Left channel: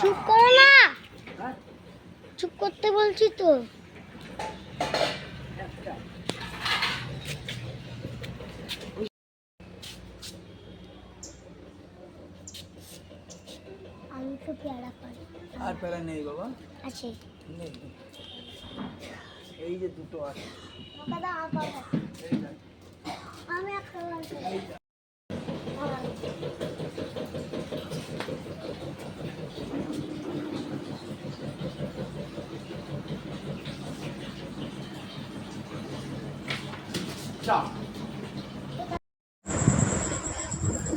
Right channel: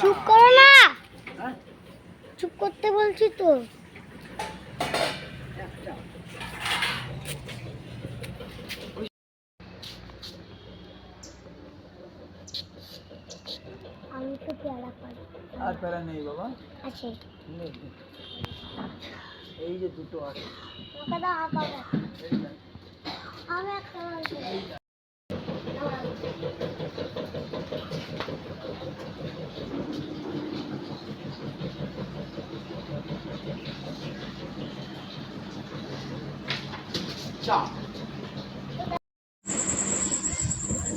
চুপ করো না। চুপ করতে বলছি তো। আমি তো পেয়ারা পাই। আর প্যারা নেই বাবা। আছে। নেই। এই যে দুটো আছে। দাদা। আমি একটা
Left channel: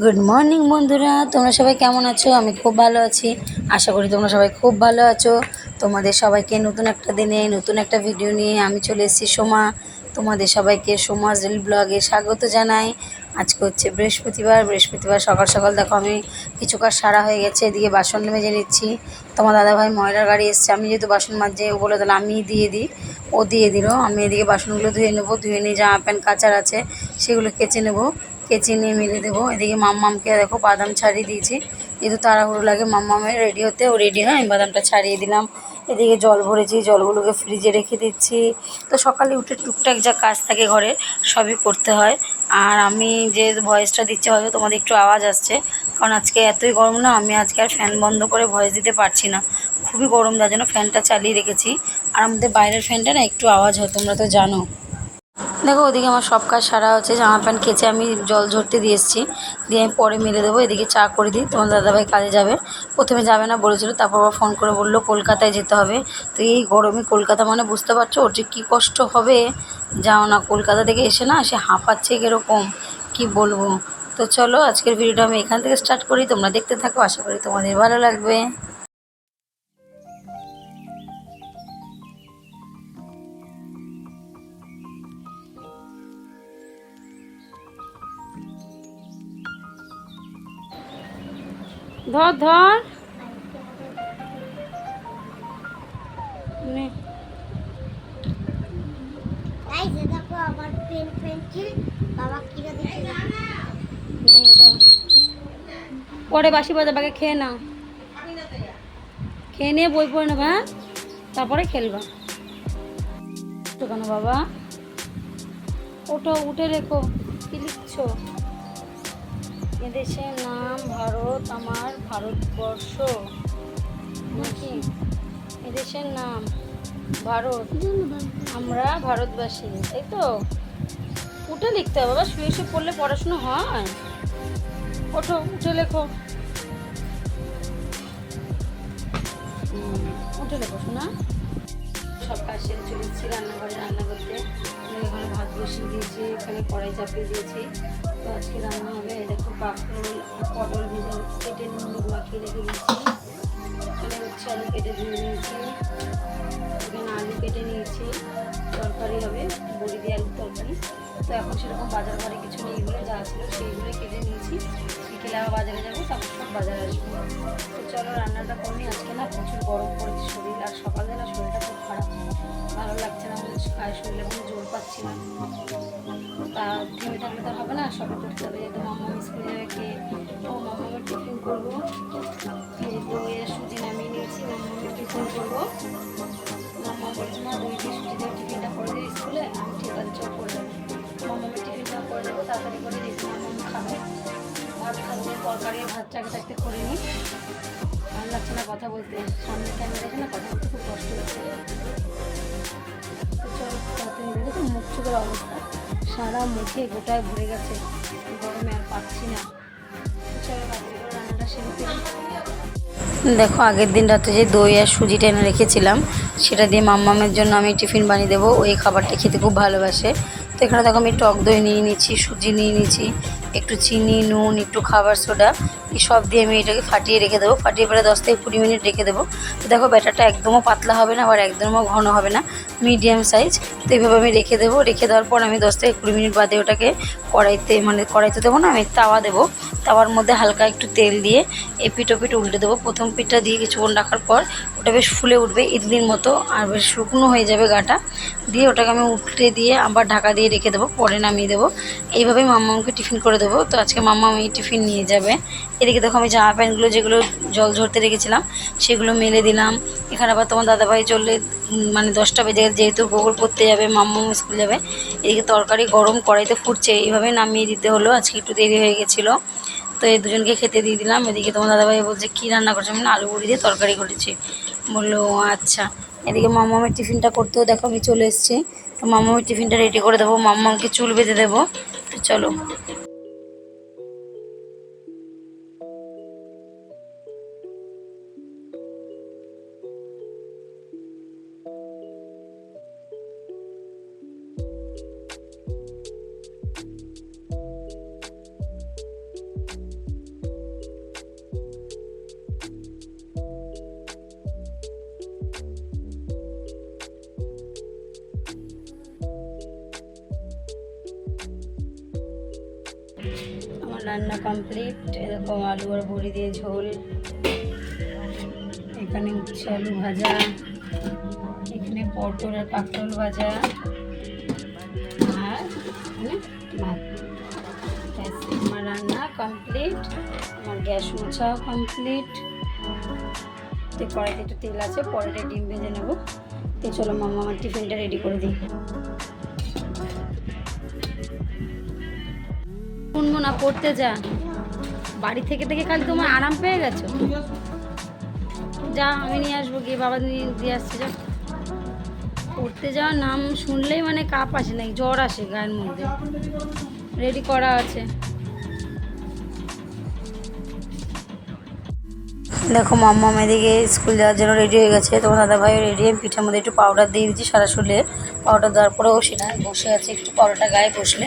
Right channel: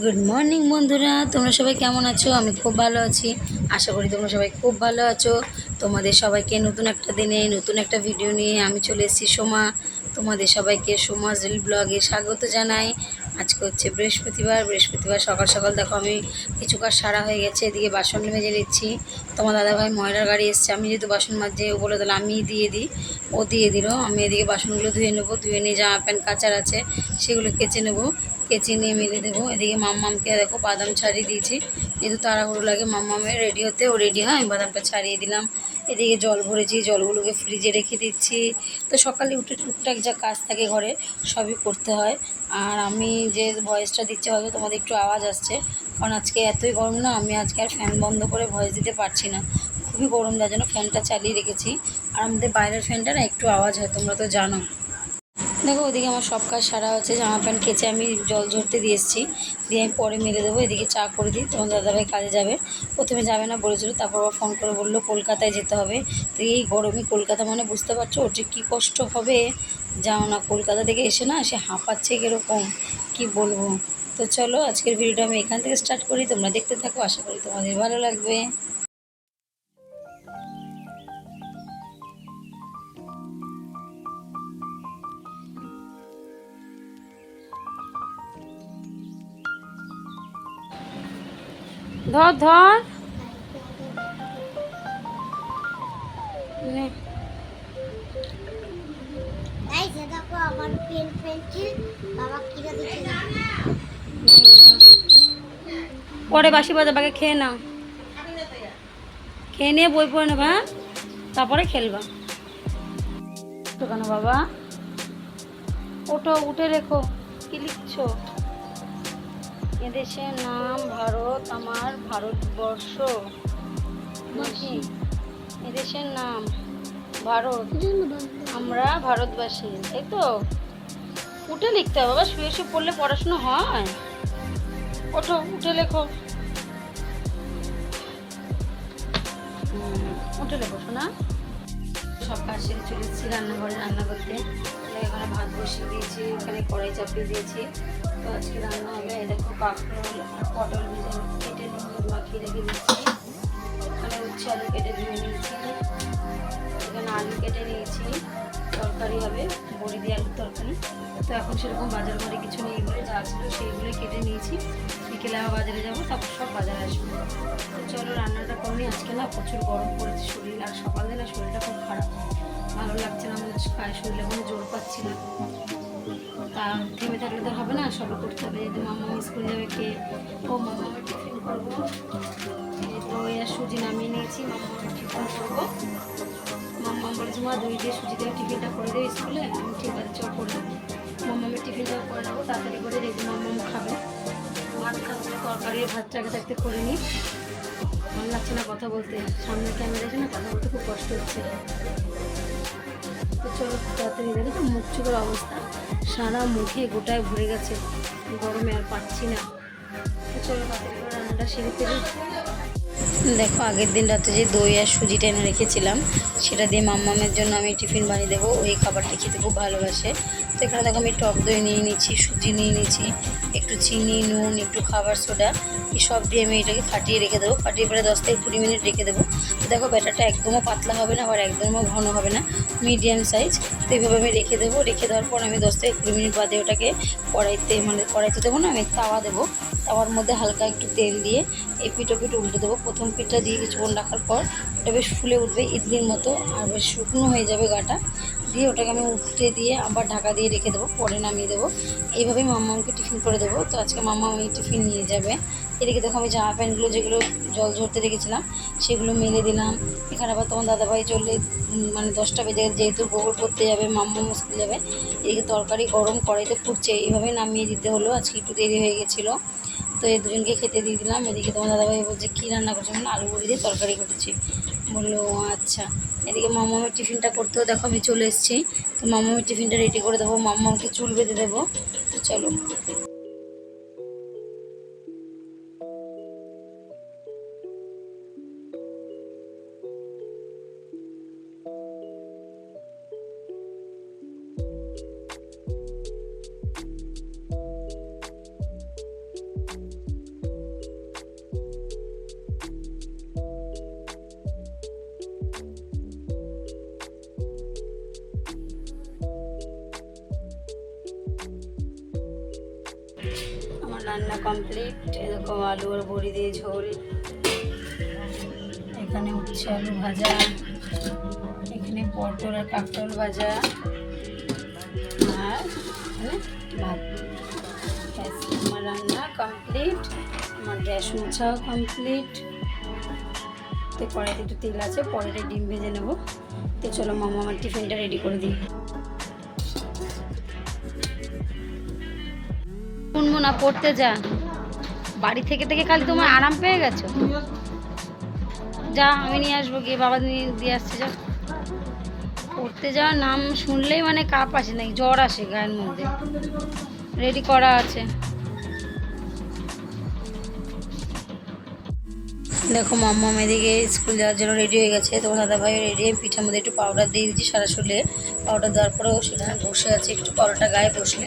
গুড মর্নিং বন্ধুরা। তোমরা সবাই কেমন আছো? আমি খুব ভালো আছি। আশা করি তোমরা সবাই খুব ভালো আছো। তোমাদের সবাইকে নতুন একটা দিনে, নতুন একটা ভিডিও নিয়ে আমি চলে এসেছি সোমা। তোমাদের সবাইকে সোমাস রিল ব্লগে স্বাগত জানাই। আজকে হচ্ছে বৃহস্পতিবার। বৃহস্পতিবার সকাল সকাল দেখো আমি কিছু কাজ সারা হয়ে গেছে। এদিকে বাসন মেজে নিচ্ছি। তোমার দাদাভাই ময়লার গাড়ি এসছে। আমি যেহেতু বাসন মাজে, ও বলে তাহলে আমি দিয়ে দিই। ও দিয়ে দিল। আমি এদিকে বাসনগুলো ধুয়ে নেব। ধুয়ে নিয়ে জামা প্যান্ট কাচার আছে, সেগুলো কেচে নেব। কেচে নিয়ে মেলে দেবো। এদিকে মাম্মামকে দেখো বাদাম ছাড়িয়ে দিয়েছি। যেহেতু তাড়াহুড়ো লাগে মাম্মামের রেডি হতে, ও রেডি হয়, আমি বাদামটা ছাড়িয়ে দিলাম। এদিকে জল ভরেছি, জলগুলোকে ফ্রিজে রেখে দিচ্ছি। তো সকালে উঠে টুকটাক যা কাজ থাকে ঘরে, সবই করতে হয়। আর আমি যে ভয়েসটা দিচ্ছি, হয়তো তোমাদের একটু আওয়াজ আসছে। কারণ আজকে এতই গরম না, আমি আজকে আর ফ্যান বন্ধ করে ভয়েস দিতে পারছি না। খুবই গরম যার জন্য ফ্যানটা চালিয়ে রেখেছি। আর আমাদের বাইরের ফ্যানটা না, একটু আওয়াজ হয়, তোমরা তো জানো। দেখো, ওদিকে আমার সব কাজ সারা হচ্ছে, জামা প্যান্ট কেচে আমি জল ঝরতে দিয়ে এসেছি। দিয়ে আমি পরে মেলে দেবো, এদিকে চা করে দিই, তোমার দাদাভাই কাজে যাবে। প্রথমে যাবে না বলেছিল, তারপর আবার ফোন করে বলল, কলকাতায় যেতে হবে। তো এই গরমে কলকাতা মানে বুঝতে পারছ, ওর যে কী কষ্ট হবে? যাও না, কলকাতা থেকে এসে না, সে হাঁপাচ্ছে কীরকম, কি বলব? তো চলো, আজকের ভিডিওটা আমি এখান থেকে স্টার্ট করি, তোমরা দেখতে থাকো, আশা করি তোমাদের ভালো লাগবে। ধর ধর। নে। এই যে দেখো আমার পেন পেন্সিল বাবা কিনে পরে বাসি বাজার বাগে খেয়ে নাও। খেয়ে নিয়ে বই পড়ে নেবা হ্যাঁ? তারপরে খেলবা। তো কেন বাবা? ওঠো উঠে দেখো কি লিখছো? এদেশের নাম ভারত, আমার ভারতবর্ষ। নাকি? এদেশের নাম ভারত। আমরা ভারতবাসী, তাই তো? উঠে লিখতে হবে, বাবা, শুয়ে শুয়ে পড়লে পড়াশুনো হয়। ওঠো, উঠে লেখো। উঠে লেখো, শোনা। সব কাজ সেরে চলে এসেছি রান্নাঘরে রান্না করতে। এখানে ভাত বসিয়ে দিয়েছি, এখানে কড়াই চাপিয়ে দিয়েছি। তো আজকে রান্না হবে দেখো কাঁকরোল আর পটল ভেজে কেটে নিয়ে মাখিয়ে রেখে দিয়েছি। এখানে হচ্ছে আলু কেটে ধুয়ে নিয়েছি। এখানে আলু কেটে নিয়েছি। তরকারি হবে, বড়ি দিয়ে আলুর তরকারি। তো এখন সেরকম বাজার ঘরে কিছু নেই বলে যা ছিল সেইগুলো কেটে নিয়েছি। বিকেলে আবার বাজারে যাব, তারপর সব বাজারে আসব। তো চলো রান্নাটা কমই আজকে না প্রচুর গরম পড়েছে শরীর, আর সকালে না শরীরটা খুব খারাপ। ভালো লাগছে না, আমাদের গায়ে শরীরে কোনো জোর পাচ্ছি না। তা থেমে থাকলে তো হবে না, সবই করতে হবে। যেহেতু মাম্মা স্কুলে যাবে কে? ও মাম্মামের টিফিন করব। এই দই আর সুজি নামিয়ে নিয়েছি মাম্মামের টিফিন করব। মাম্মা বলেছে মা, দই দিয়ে সুজি দিয়ে টিফিনটা করে দেবে স্কুলে, আমি ঠিক আছে, চল করে দেবো। মাম্মামের টিফিনটা করে দেবো, তাড়াতাড়ি করে যেহেতু মাম্মাম খাবে। ভাত খাব তরকারি, ভাতটা আগে থাকতে করে নিই। ভালো লাগছে না কথা বলতে। সামনে ক্যামেরা আছে না, কথা বলতে খুব কষ্ট হচ্ছে। দেখো তো মুখ চোখের অবস্থা। সারা মুখে গোটায় ভরে গেছে। গরমে আর পাচ্ছি না। দেখো, আগের দিন রাতে যে দই আর সুজিটা এনে রেখেছিলাম, সেটা দিয়ে মাম্মামের জন্য আমি টিফিন বানিয়ে দেবো। ওই খাবারটা খেতে খুব ভালোবাসে। তো এখানে দেখো, আমি টক দই নিয়ে নিয়েছি, সুজি নিয়ে নিয়েছি, একটু চিনি, নুন, একটু খাবার সোডা সব দিয়ে আমি এটাকে ফাটিয়ে রেখে দেবো। ফাটিয়ে পরে দশ থেকে কুড়ি মিনিট রেখে দেবো। দেখো ব্যাটারটা একদমও পাতলা হবে না, আবার একদমও ঘন হবে না। Medium size. তো এইভাবে আমি রেখে দেবো। রেখে দেওয়ার পর আমি দশ থেকে কুড়ি মিনিট বাদে ওটাকে কড়াইতে মানে কড়াইতে দেবো না, আমি তাওয়া দেবো। তাওয়ার মধ্যে হালকা একটু তেল দিয়ে এপিট ওপিট উল্টে দেবো। প্রথম পিঠটা দিয়ে কিছুক্ষণ রাখার পর ওটা বেশ ফুলে উঠবে ইডলির মতো, আর বেশ শুকনো হয়ে যাবে গাটা। দিয়ে ওটাকে আমি উল্টে দিয়ে আবার ঢাকা দিয়ে রেখে দেবো, পরে নামিয়ে দেবো। এইভাবেই মাম্মামকে টিফিন করে দেবো। তো আজকে মাম্মা এই টিফিন নিয়ে যাবে। এদিকে দেখো আমি জামা প্যান্টগুলো যেগুলো জল ঝরতে রেখেছিলাম, সেগুলো মেলে দিলাম। এখানে আবার তোমার দাদাভাই চললে মানে দশটা বেজে যেহেতু গোবর পড়তে যাবে, মাম্মাম স্কুল যাবে। এদিকে তরকারি গরম কড়াইতে ফুটছে, এইভাবে নামিয়ে দিতে হলো। আজকে একটু দেরি হয়ে গেছিল। তো এই দুজনকে খেতে দিয়ে দিলাম। এদিকে তোমার দাদাভাই বলছে, কী রান্না করছে? আমি আলু বড়ি দিয়ে তরকারি করেছি। বলল, "ও আচ্ছা। এদিকে মামামের টিফিনটা করতেও দেখো আমি চলে এসেছি। তো মামামের টিফিনটা রেডি করে দেবো। মামামকে চুল বেঁধে দেবো। তো চলো। কমপ্লিট এরকম আলু আর বড়ি দিয়ে ঝোল, এখানে উচ্ছে আলু ভাজা, এখানে পটল আর কাঁকরোল ভাজা, আর এখানে ভাত। আমার রান্না কমপ্লিট আমার গ্যাস মোছাও কমপ্লিট তো কড়াইতে একটু তেল আছে পরেটা ডিম ভেজে নেব। তো চলো মামা আমার টিফিনটা রেডি করে দিই। শুনব না পড়তে যা। বাড়ি থেকে থেকে খালি তোমার আরাম পেয়ে গেছো? যা, আমি নিয়ে আসব গিয়ে, বাবা নিয়ে দিয়ে আসছে, যা। পড়তে যাওয়ার নাম শুনলেই মানে কাপ আসে নাই জ্বর আসে গায়ের মধ্যে। রেডি করা আছে। দেখো মাম্মা এদিকে স্কুল যাওয়ার জন্য রেডি হয়ে গেছে। তোমার দাদাভাই রেডি হয়ে পিঠের মধ্যে একটু পাউডার দিয়ে দিচ্ছি সারা শরীরে। পাউডার দেওয়ার পরেও সেটা বসে আছে একটু পাউডারটা গায়ে বসলে।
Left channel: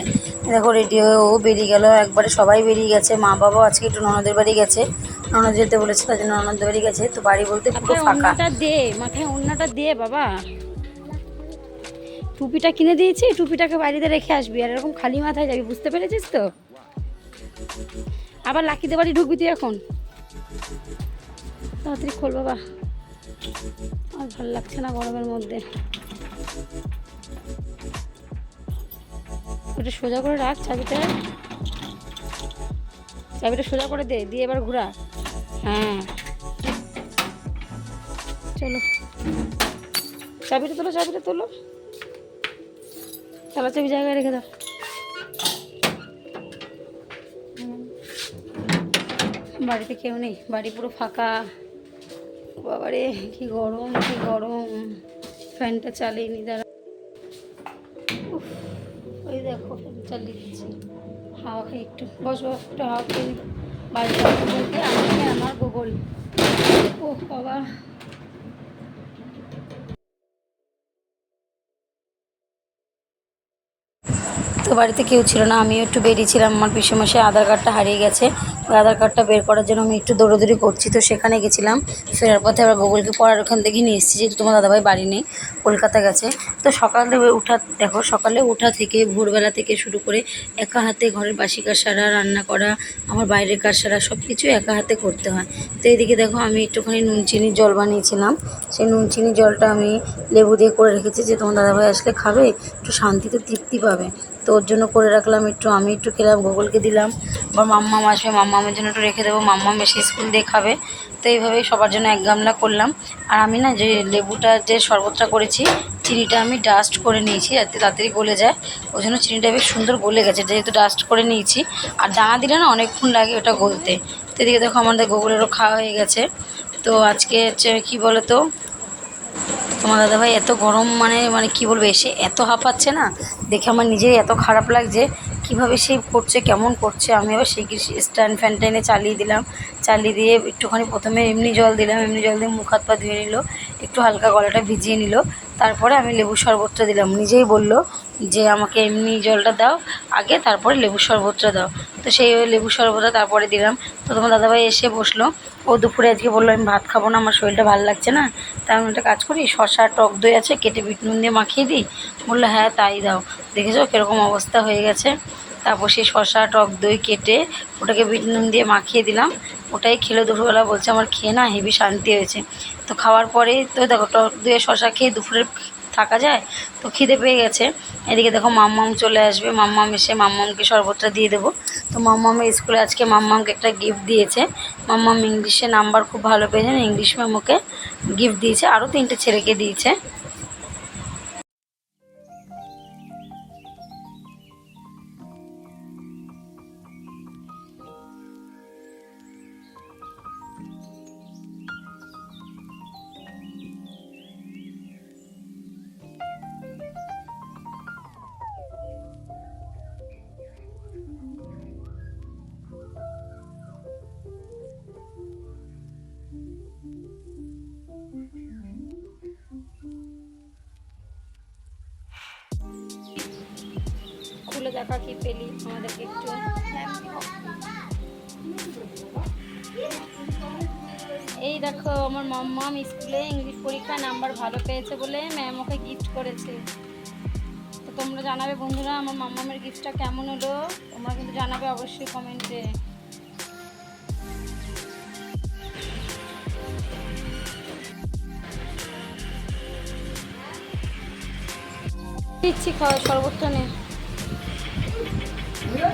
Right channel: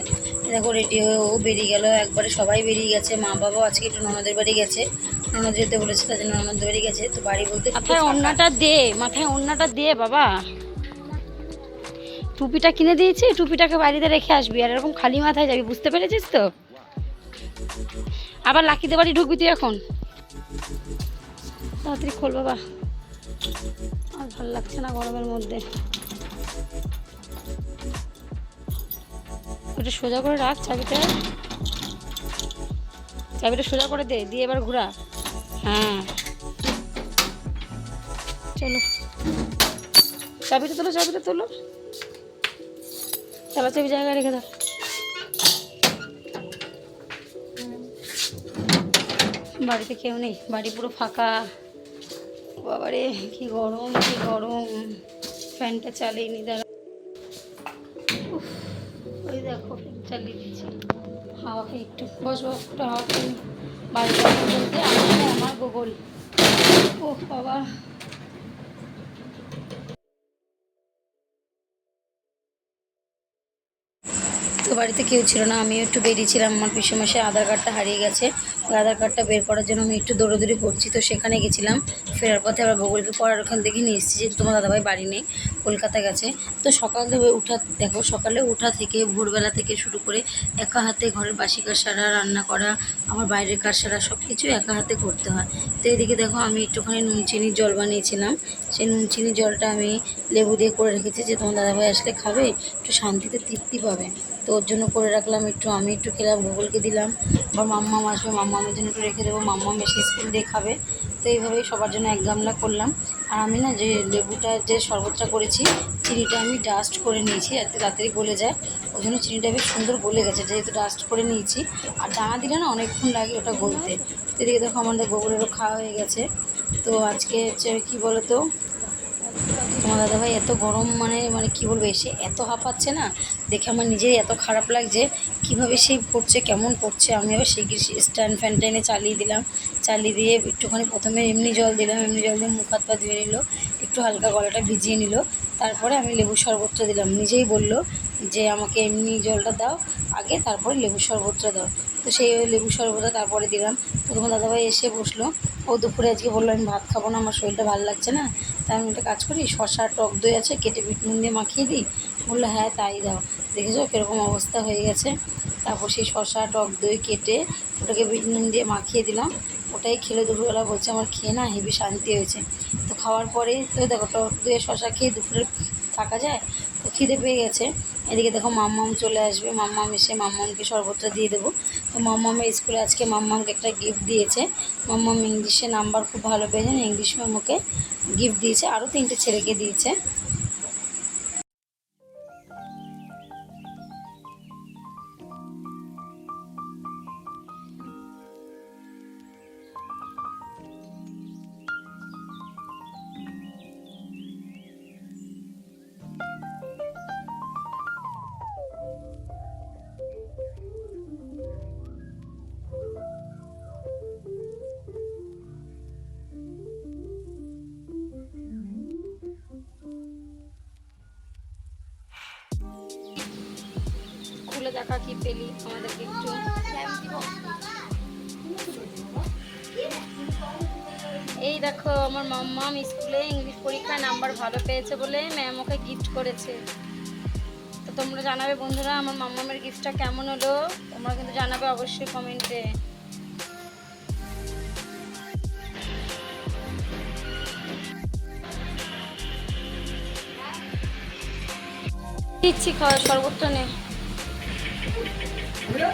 দেখো রেডি হয়ে ও বেরিয়ে গেল। একবারে সবাই বেরিয়ে গেছে। মা বাবাও আজকে একটু ননদের বাড়ি গেছে। ননদ যেতে বলেছে তার জন্য ননদের বাড়ি গেছে। তো বাড়ি বলতে ওড়নাটা দে মাথায় ওড়নাটা দে বাবা। টুপিটা কিনে দিয়েছি টুপিটাকে বাড়িতে রেখে আসবি। আর এরকম খালি মাথায় যাবি বুঝতে পেরেছিস তো? আবার লাকিতে বাড়ি ঢুকবি তুই এখন? তাড়াতাড়ি খোল, বাবা। আর ভালো লাগছে না গরমের মধ্যে। ওটা সোজা করে রাখ চাবিটা। চাবিটা সোজা করে দে, দিয়ে এবার ঘোরা। হ্যাঁ। চলো। চাবিটা তোলো চাবিটা তোলো। চালা চাবি জায়গায় রেখে দাও। বাড়িতে কেউ নেই, বাড়ি পুরো ফাঁকা। বাবারে, কি গরম কি গরম। ফ্যানটা চালিয়ে নি, দাঁড়া। ওই দেখো, ফ্যান চালিয়ে দিচ্ছি। হাওয়া খাই একটু বস বস, একটু হাওয়া খেয়ে বাড়িতে বলতে আমি আমার গোগল। ও বাবা। বাড়িতে কেউ ছিল না, আমিও একটু বেরিয়েছিলাম আমার পিসেমাসে আধার কার্ডটা হারিয়ে গেছে। ওই আধার কার্ডটা বের করার জন্য আমি একটু দৌড়োদৌড়ি করছি, তো সেখানে গেছিলাম। ফেরার পথে আবার গুগলকে পড়ার ওখান থেকে নিয়ে এসেছি, যেহেতু তোমার দাদাভাই বাড়ি নেই, কলকাতা গেছে। তো সকালে উঠা, দেখো, সকালে উঠা থেকে ভোরবেলা থেকে শুরু করে একা হাতে ঘরের বাসি কাজ সারা রান্না করা, আমার বাইরের কাজ সারা সব কিছু একা হাতে করতে হয়। তো এদিকে দেখো, আমি একটুখানি নুন চিনির জল বানিয়েছিলাম। সেই নুন চিনির জলটা আমি লেবু দিয়ে করে রেখেছি যে তোমার দাদাভাই আসলে খাবে, একটু শান্তিতে তৃপ্তি পাবে। তো ওর জন্য করে রাখলাম একটু, আমি একটু খেলাম, গুগলকে দিলাম। আবার মাম্মাম আসবে, মাম্মামের জন্য একটু রেখে দেবো। মাম্মাম বেশি স্কুল দিয়ে খাবে। তো এইভাবেই সবার জন্য এক গামলা করলাম। আর আমি না যে লেবুটা, যে শরবতটা করেছি, চিনিটা আমি ডাস্ট করে নিয়েছি, যাতে তাড়াতাড়ি গলে যায়। ওই জন্য চিনিটা বেশ সুন্দর গলে গেছে, যেহেতু ডাস্ট করে নিয়েছি। আর দানা দিলে না অনেকক্ষণ লাগে ওটা গলতে। তো এদিকে দেখো আমাদের গুগলেরও খাওয়া হয়ে গেছে। তো আজকে হচ্ছে, কী বলো তো তোমার দাদাভাই এত গরম মানে মানে কি বলবে, এসে এত হাঁপাচ্ছে না? দেখে আমার নিজেই এত খারাপ লাগছে, কীভাবে সে করছে, কেমন করছে? আমি আবার সেই স্ট্যান্ড ফ্যানটা এনে চালিয়ে দিলাম। চালিয়ে দিয়ে একটুখানি প্রথমে এমনি জল দিলাম, এমনি জল দিয়ে মুখ হাত পা ধুয়ে নিল, একটু হালকা গলাটা ভিজিয়ে নিল। তারপরে আমি লেবু শরবতটা দিলাম। নিজেই বলল যে, আমাকে এমনি জলটা দাও, আগে তারপরে লেবু শরবতটা দাও। তো সেই লেবু শরবতটা তারপরে দিলাম। তো তোমার দাদাভাই এসে বসল। ও দুপুরে আজকে বলল, আমি ভাত খাব না, আমার শরীরটা ভালো লাগছে না। তাই আমি একটা কাজ করি শশা টক দই আছে, কেটে বিট নুন দিয়ে মাখিয়ে দিই। বলল হ্যাঁ তাই দাও। দেখেছ, কীরকম অবস্থা হয়ে গেছে। তারপর সেই শশা টক দই কেটে ওটাকে বিট নুন দিয়ে মাখিয়ে দিলাম। ওটাই খেলে দুপুরবেলা, বলছে আমার খেয়ে না হেভি শান্তি হয়েছে। তো খাওয়ার পরেই তো দেখো, টক দইয়ে শশা খেয়ে দুপুরে থাকা যায়? তো খিদে পেয়ে গেছে। এদিকে দেখো মাম্মাম চলে আসবে। মাম্মাম এসে মাম্মামকে শরবতটা দিয়ে দেবো। তো মাম্মামের স্কুলে আজকে মাম্মামকে একটা গিফট দিয়েছে। মাম্মাম ইংলিশে নাম্বার খুব ভালো পেয়েছেন ইংলিশ ম্যাম গিফট দিয়েছে। আরও তিনটে ছেলেকে দিয়েছে। খুলে দেখা কি পেলি আমাদেরকে একটু? এই দেখো, আমার মাম্মাম স্কুলে ইংলিশ পরীক্ষায় নাম্বার ভালো পেয়েছে বলে ম্যাম ওকে গিফট করেছে। তো তোমরা জানাবে বন্ধুরা আমার মাম্মামের গিফটটা কেমন হলো? তোমরা কিন্তু জানাবে অবশ্যই কমেন্টে দিচ্ছি খাওয়া শরবতটা নে। আমাকে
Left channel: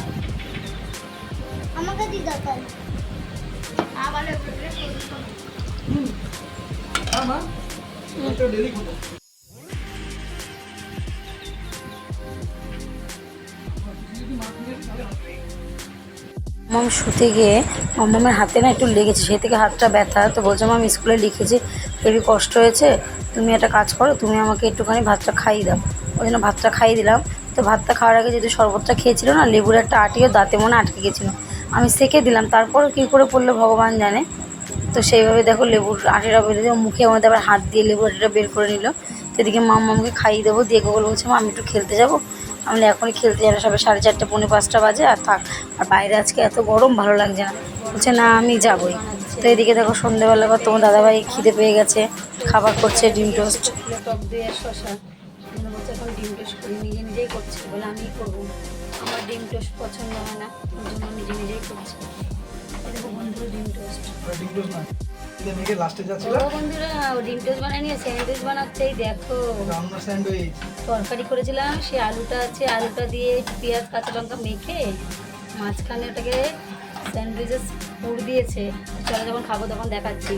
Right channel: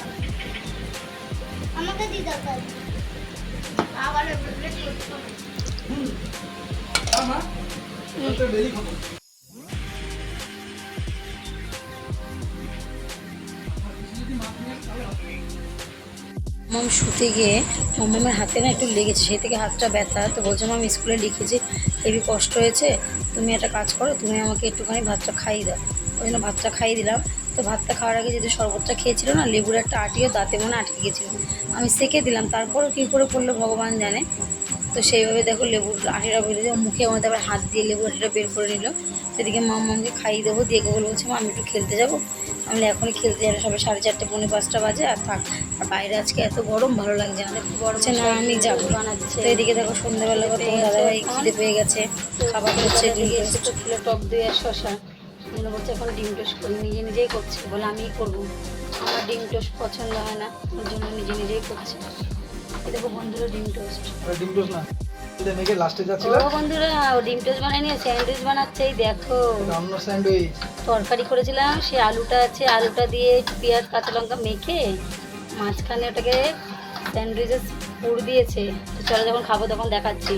মাম শুতে গিয়ে মামামের হাতে না একটু লেগেছে, সেই থেকে হাতটা ব্যথা। তো বলছে, মাম, স্কুলে লিখেছি হেবি কষ্ট হয়েছে, তুমি একটা কাজ করো, তুমি আমাকে একটুখানি ভাতটা খাইয়ে দাও। ওই জন্য ভাতটা খাইয়ে দিলাম। তো ভাতটা খাওয়ার আগে যদি শরবতটা খেয়েছিল না, লেবুর একটা আটিও দাঁতে মনে আটকে গেছিল। আমি সেকে দিলাম তারপরে কী করে পড়ল ভগবান জানে। তো সেইভাবে দেখো লেবুর আটিটা বের দিয়ে মুখে আমাদের আবার হাত দিয়ে লেবুর আটিটা বের করে নিল। তো এদিকে মাম মামকে খাইয়ে দেবো দিয়ে গোগল বলছে, মা, আমি একটু খেলতে যাব। আমি এখনই খেলতে যাব, সবে সাড়ে চারটে, পৌনে পাঁচটা বাজে, আর থাক। আর বাইরে আজকে এত গরম, ভালো লাগছে না। বলছে, না, আমি যাব। তো এদিকে দেখো সন্ধ্যেবেলা তোমার দাদাভাই খিদে পেয়ে গেছে, খাবার করছে, ডিম টোস্ট। টক দিয়ে শশা মনে বলছে এখন ডিম টোস্ট করি নিজে নিজেই করছে বলে আমিই করব। আমার ডিম টোস্ট পছন্দ হয় না ওর জন্য নিজে নিজেই করছে। এই দেখো বন্ধুরা ডিম টোস্ট। ডিম টোস্ট না এটা বন্ধুরা ডিম টোস্ট স্যান্ডউইচ বানাচ্ছে দেখো। স্যান্ডউইচ। তরকারি করেছিলাম সে আলুটা আছে আলুটা দিয়ে পেঁয়াজ কাঁচা লঙ্কা মেখে মাঝখানে ওটাকে স্যান্ডউইচের পুর দিয়েছে। চলো যখন খাব তখন দেখাচ্ছি।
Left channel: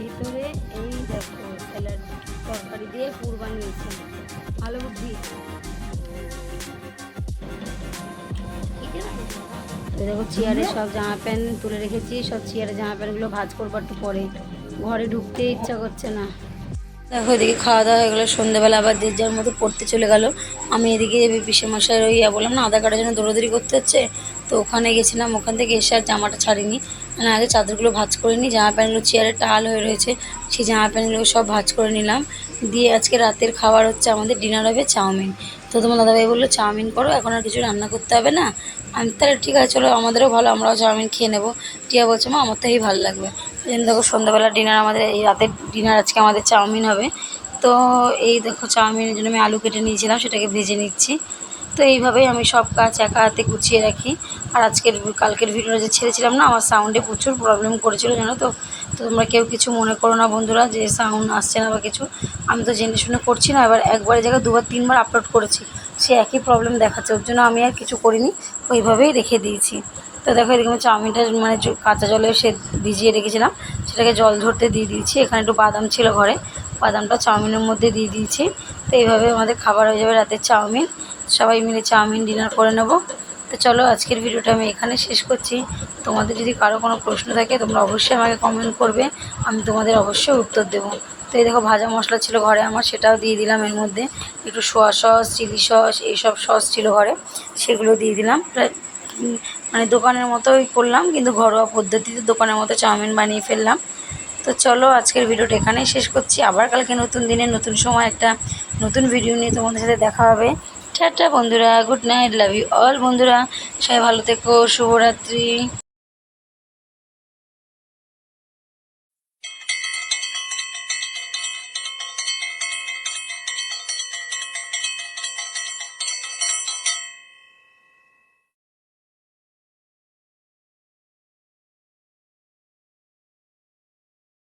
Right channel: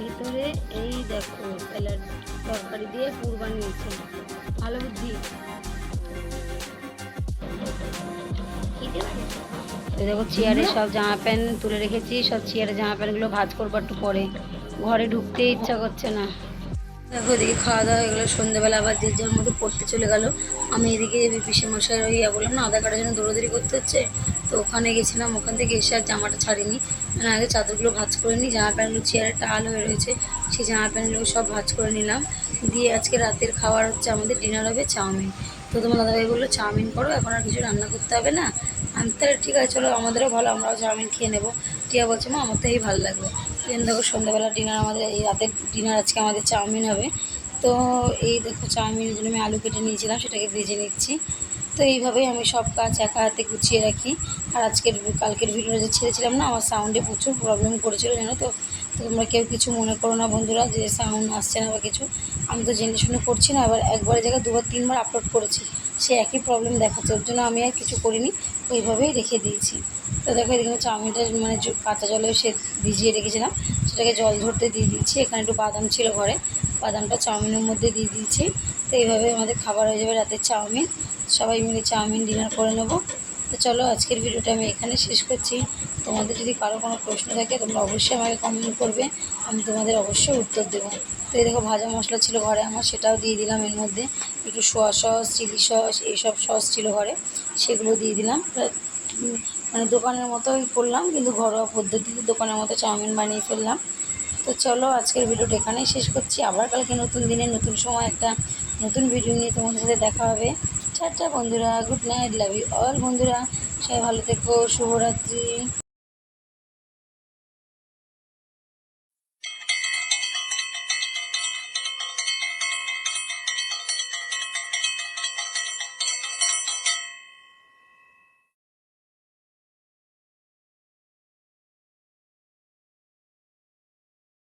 ভিতরে এই দেখো স্যালাড তরকারি দিয়ে পুর বানিয়েছে ভালো বুদ্ধি। দেখো চেয়ারে সব জামা প্যান্ট তুলে রেখেছি, সব চেয়ারে জামা প্যান্টগুলো ভাজ করব একটু পরে। ঘরে ঢুকতে ইচ্ছা করছে না। দেখো এদিকে খাওয়া দাওয়া হয়ে গেলো, সন্ধ্যেবেলা আবার যে যার মতো পড়তে চলে গেল। আমি এদিকে পিসে মশাই ওই ইয়া বললাম না, আধার কার্ডের জন্য দৌড়াদৌড়ি করতে হচ্ছে। তো ওখানে গেছিলাম, ওখান থেকে এসে আর জামাটা ছাড়িনি। মানে আগে চাদরগুলো ভাজ করে নিই জামা প্যান্টগুলো চেয়ারে টাল হয়ে রয়েছে, সেই জামা প্যান্টগুলো সব ভাজ করে নিলাম। দিয়ে আজকে রাতের খাবার হচ্ছে আমাদের ডিনার হবে চাউমিন। তো তোমার দাদাভাই বলল, চাউমিন করো, এখন আর কিছু রান্না করতে হবে না? আমি, তাহলে ঠিক আছে, চলো, আমাদেরও ভালো, আমরাও চাউমিন খেয়ে নেব। টিয়া বলছে, মা, আমার তো এই ভালো লাগবে। দেখো সন্ধ্যাবেলা ডিনার আমাদের, এই রাতের ডিনার আজকে আমাদের চাউমিন হবে। তো এই দেখো, চাউমিনের জন্য আমি আলু কেটে নিয়েছিলাম, সেটাকে ভেজে নিচ্ছি। তো এইভাবেই আমি সব কাজ একা হাতে গুছিয়ে রাখি। আর আজকের কালকের ভিডিওটা যে ছেড়েছিলাম না, আমার সাউন্ডে প্রচুর প্রবলেম করেছিল, জানো তো? তো তোমরা কেউ কিছু মনে করো না বন্ধুরা, যে সাউন্ড আসছে না বা কিছু। আমি তো জেনে শুনে করছি না, এবার একবারের জায়গায় দুবার, তিনবার আপলোড করেছি। সে একই প্রবলেম দেখাচ্ছে, ওর জন্য আমি আর কিছু করিনি, ওইভাবেই রেখে দিয়েছি। তো দেখো, এদিকে চাউমিনটা মানে কাঁচা জলে সে ভিজিয়ে রেখেছিলাম। সেটাকে জল ধরতে দিয়ে দিয়েছি, এখানে একটু বাদাম ছিল ঘরে। বাদামটা চাউমিনের মধ্যে দিয়ে দিয়েছি। তো এইভাবে আমাদের খাবার হয়ে যাবে রাতের চাউমিন। সবাই মিলে চাউমিন ডিনার করে নেব। তো চলো আজকের ভিডিওটা আমি এখানে শেষ করছি। তোমাদের যদি কারও কোনো প্রশ্ন থাকে, তোমরা অবশ্যই আমাকে কমেন্ট করবে। আমি তোমাদের অবশ্যই উত্তর দেবো। তো এই দেখো, ভাজা মশলা ছিল ঘরে আমার, সেটাও দিয়ে দিলাম এর মধ্যে। একটু সোয়া সস, চিলি সস, এইসব সস ছিল ঘরে, সেগুলো দিয়ে দিলাম। মানে দোকানের মতোই করলাম, কিন্তু ঘরোয়া পদ্ধতিতে দোকানের মতো চাউমিন বানিয়ে ফেললাম। তো চলো আজকের ভিডিওটা এখানেই শেষ করছি। আবার কালকে নতুন দিনে, নতুন সময়, একটা নতুন ভিডিও নিয়ে তোমাদের সাথে দেখা হবে। টাটা বন্ধুরা good night love you all. বন্ধুরা সবাই ভালো থেকো শুভরাত্রি।